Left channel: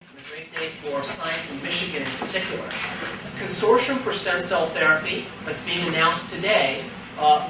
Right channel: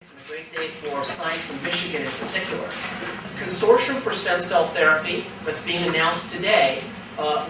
It's a great day for science in Michigan in particular. A consortium for stem cell therapy that's being announced today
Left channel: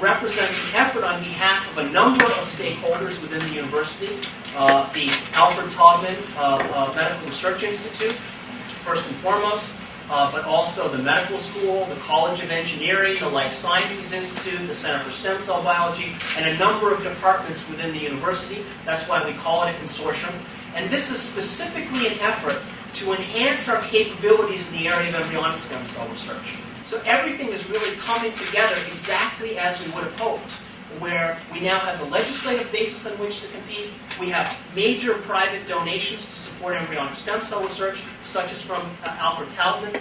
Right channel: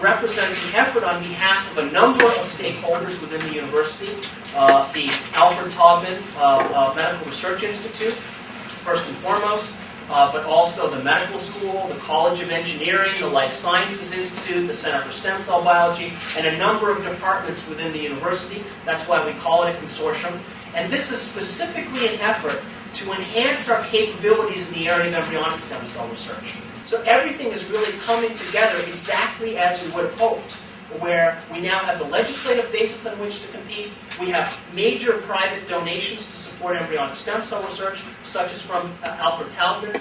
represents an effort on behalf of a number of stakeholders within the university. The Alfred Taubman Medical Research Institute, first and foremost, but also the medical school, the College of Engineering, the Life Sciences Institute, the Center for Stem Cell Biology, and a number of departments within the university. That's why we call it a consortium. And this is specifically an effort to enhance our capabilities in the area of embryonic stem cell research. So everything is really coming together exactly as we would have hoped, where we now have the legislative basis on which to compete. We have major private donations to support embryonic stem cell research, such as from Alfred Taubman,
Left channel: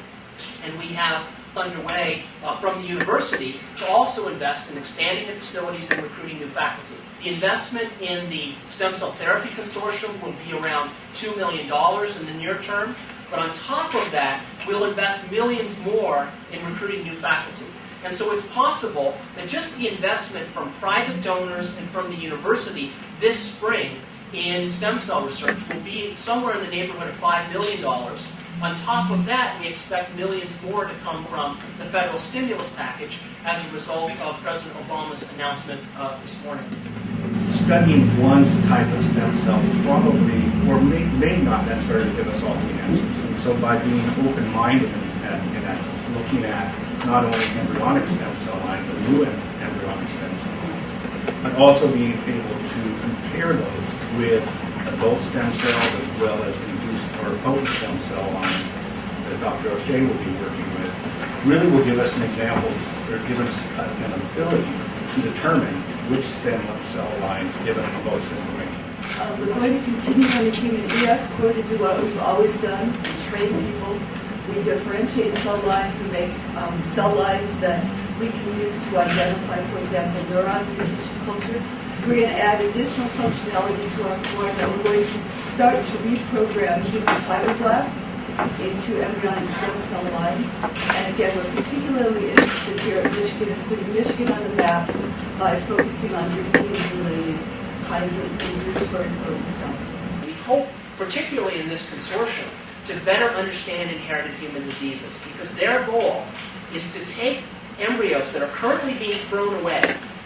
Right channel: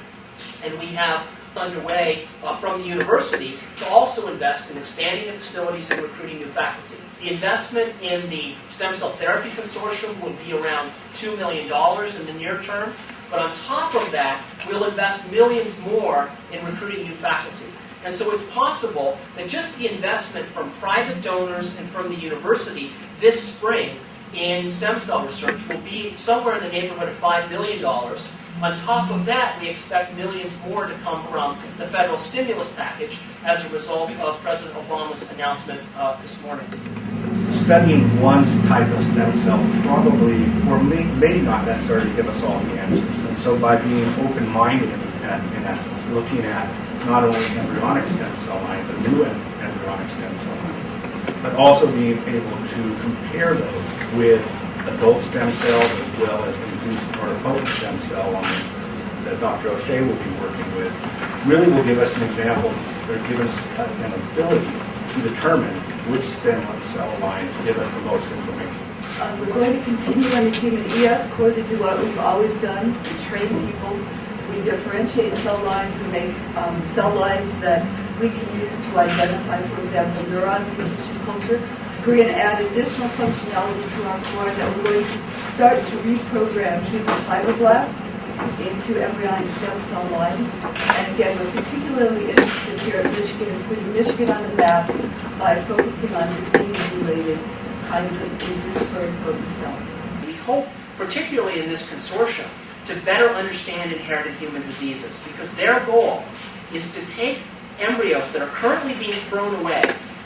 and we have underway from the university to also invest in expanding the facilities and recruiting new faculty. The investment in the Stem Cell Therapy Consortium will be around $2 million in the near term, but on top of that, we'll invest millions more in recruiting new faculty. And so it's possible that just the investment from private donors and from the university this spring in stem cell research will be somewhere in the neighborhood of $5 million. On top of that, we expect millions more to come from the federal stimulus package as a result of President Obama's announcement this morning. Studying one type of stem cell probably, or may not necessarily give us all the answers. And so by being open-minded, in essence, looking at not only embryonic stem cell lines and new embryonic stem cell lines, but also being able to compare those with adult stem cells as well as induced pluripotent stem cell lines that Dr. O'Shea will be working with, really will give us an example, or give us an ability to determine which stem cell lines give us the most information. We're going to continue on the human ES core to do what we've always done. We train people. We differentiate cell lines. We make cell lines that we can use to identify, for example, neurons in tissue culture. We're going to add additional functionality to our core that we're going to start to reprogram human fibroblasts into embryonic stem cell lines. And again, we're particularly interested here at Michigan in putting Michigan on the map by focusing on disease-related kinds of induced pluripotent cells. We hope, particularly in this consortium, to better understand inherited human diseases, because their goal is to take embryos that are currently being thrown away,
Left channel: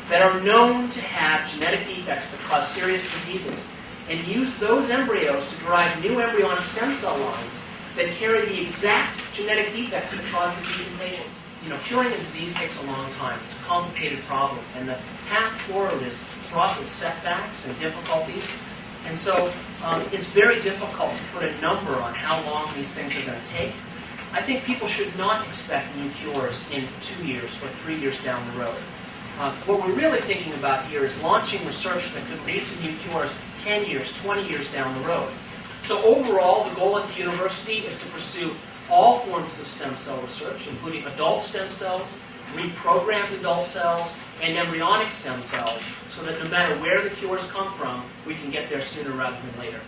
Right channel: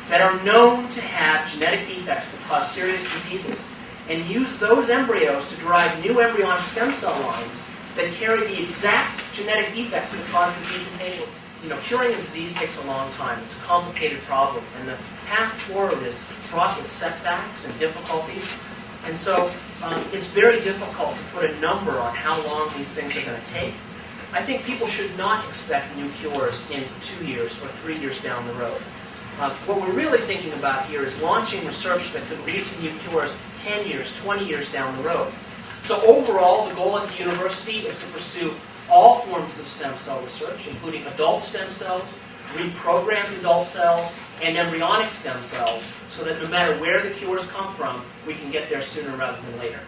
that are known to have genetic defects that cause serious diseases, and use those embryos to derive new embryonic stem cell lines that carry the exact genetic defects that cause disease in patients. You know, curing a disease takes a long time. It's a complicated problem, and the path forward is fraught with setbacks and difficulties. And so it's very difficult to put a number on how long these things are going to take. I think people should not expect new cures in 2 years or 3 years down the road. What we're really thinking about here is launching research that could lead to new cures 10 years, 20 years down the road. So overall, the goal at the university is to pursue all forms of stem cell research, including adult stem cells, reprogrammed adult cells, and embryonic stem cells, so that no matter where the cures come from, we can get there sooner rather than later.